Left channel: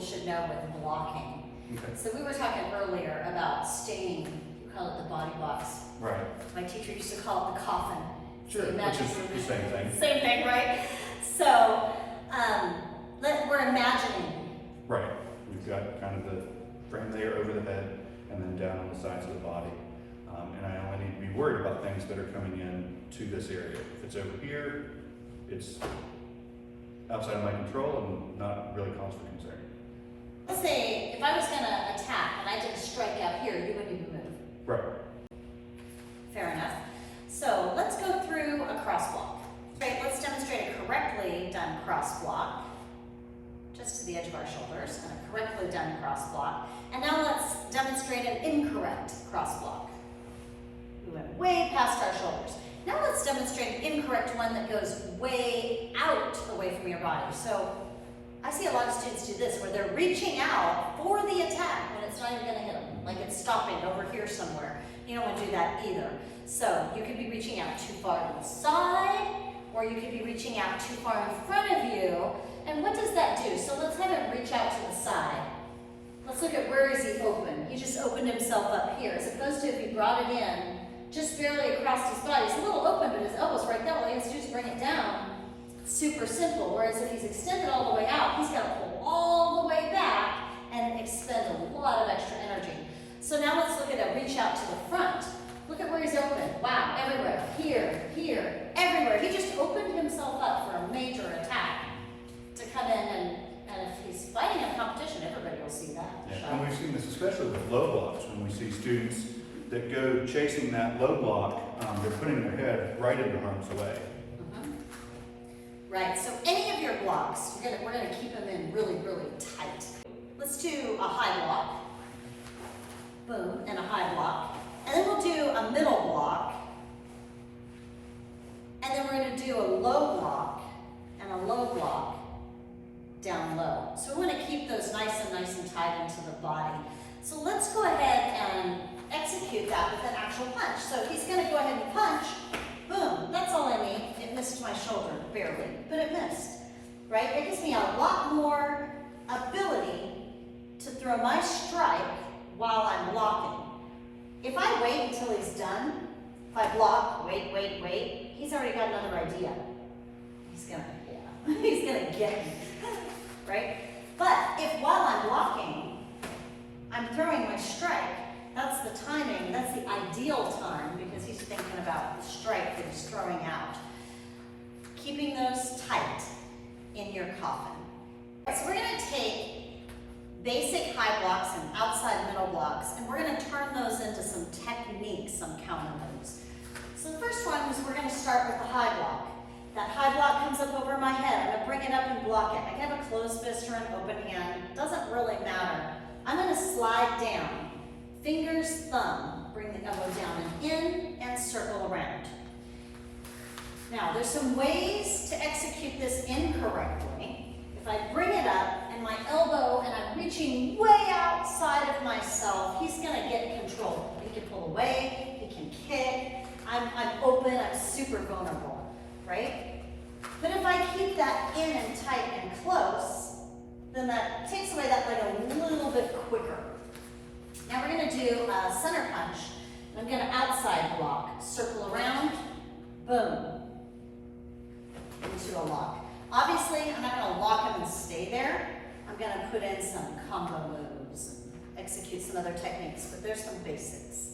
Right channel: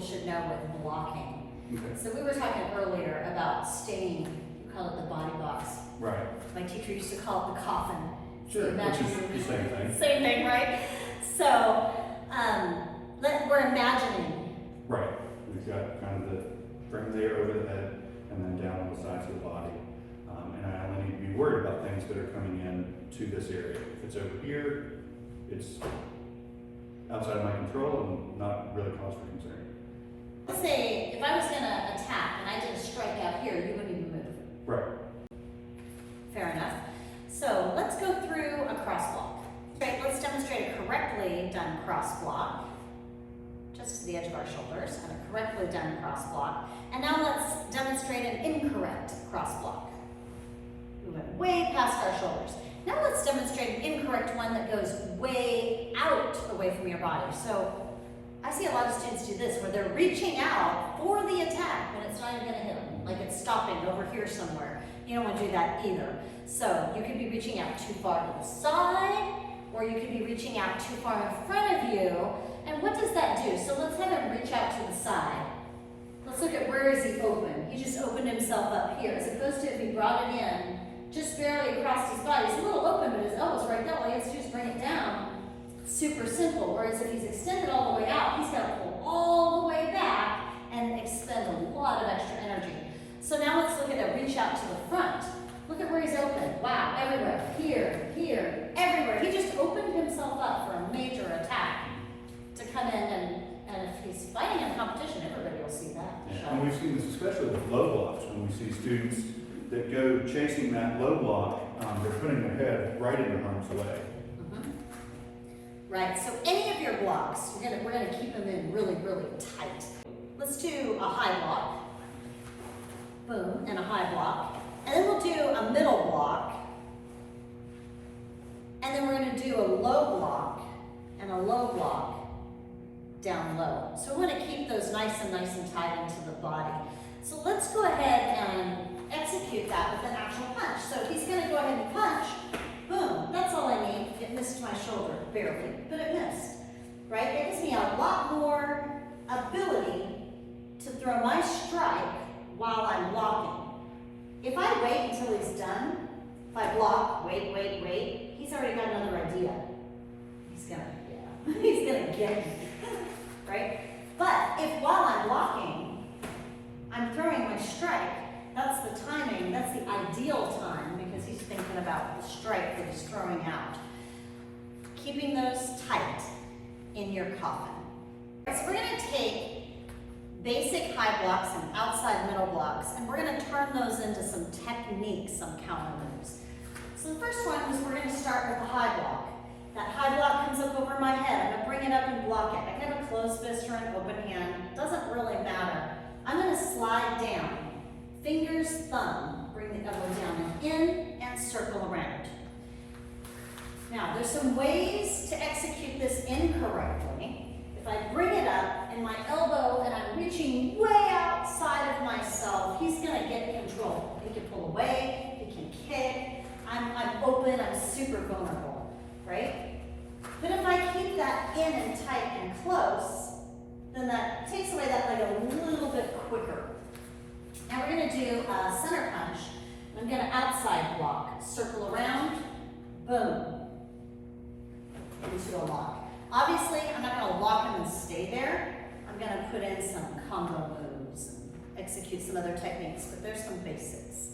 people should know with blocking. Okay. So we were talking earlier about staying, you call it the body box. Right. My teacher used to call it the coffin. Sure, which is the same thing. Same thing, right? So, we're imagining. Right. We've got kind of the frame layer over the head and then down on the sides of the body. And I only need to be worried about things that are coming in to this area. If it's over here, it's outside of my control and not really cause for concern. Let's say if I was going to attack and I did a strike out here, you wouldn't even move. Right. Fair enough. So let's go through a cross block. Right, let's demonstrate a correctly done cross block, just to the edge of our shoulders, and a correctly done cross block. And now let's demonstrate an incorrect cross block. We went way past our shoulders. Now let's demonstrate an incorrect one that goes way out away from your body. So I see a lot of students do this, where they're reaching out for the attack when it's not even going to hit them, like it's stopping over here somewhere. You don't want to do that either. So you could be reaching out too far to the side, or you could be reaching out too far in front of you. And what does that do? So let's have him reach out to the side. Let's look at where is he open. He just opened himself up here, as opposed to if he brought it in just barely across his body. He's a little open, but his elbow's right that way. Let's just bring it down. Super simple. Whereas if he's extended all the way out, he's got to pull all the way back and expend a lot of extra energy. So now let's look at a reach out to the front. Look at where he's open. Wow, everywhere. Here, here, everywhere. He just opened himself up for a major attack to come in, and if he's fighting in competition, everybody will see that. Yeah. And we've seen this especially with low blocks, when we see students that go chasing that low block, they're putting their head right in harm's way. Right, so any of your blocks, we're gonna keep them in really, really tight. Let's do a high block, boom, and a high block. And then we'll do a middle block. And then we're gonna do a low block and a low block down low. So we wanna keep those nice and tight into the body. So let's go ahead and execute that with an actual punch. So he's gonna go ahead and punch. Boom, that's all I need. It missed my shoulder, barely, but it missed, right? It gives me a lot more ability to throw my strike while I'm blocking. If I wait until he's done, if I block, wait, he's already got another idea. He's gonna get me, right? But if while I'm blocking, I'm throwing my strike, that's the timing, that's the ideal time, because he's thinking about the strike that he's throwing out. Keeping those tight in your coffin. So we're gonna take basic high blocks and outside middle blocks, and we're gonna turn those into some techniques, some counter moves. So the first one is we're gonna start with the high block. That high block comes up over my head. I'm gonna bring it up and block it. I can have a closed fist or an open hand, doesn't really matter. I'm gonna slide down. Fingers, thumb, bring the elbow down and in and circle around. Now, there's some ways to execute this incorrectly. If I bring it up and my elbow and I'm reaching way outside of myself, he's gonna get control. He can pull away, he can kick. I'm open, I'm super vulnerable, right? But if I keep that in and tight and close, then that takes away that leg a little bit quicker. Now we're going to do a center punch. I'm going to outside block, circle around, boom, into a lock. Obviously, I'm not going to lock him and stay there. I'm going to put in some combo moves and execute some other techniques, but there's some basics.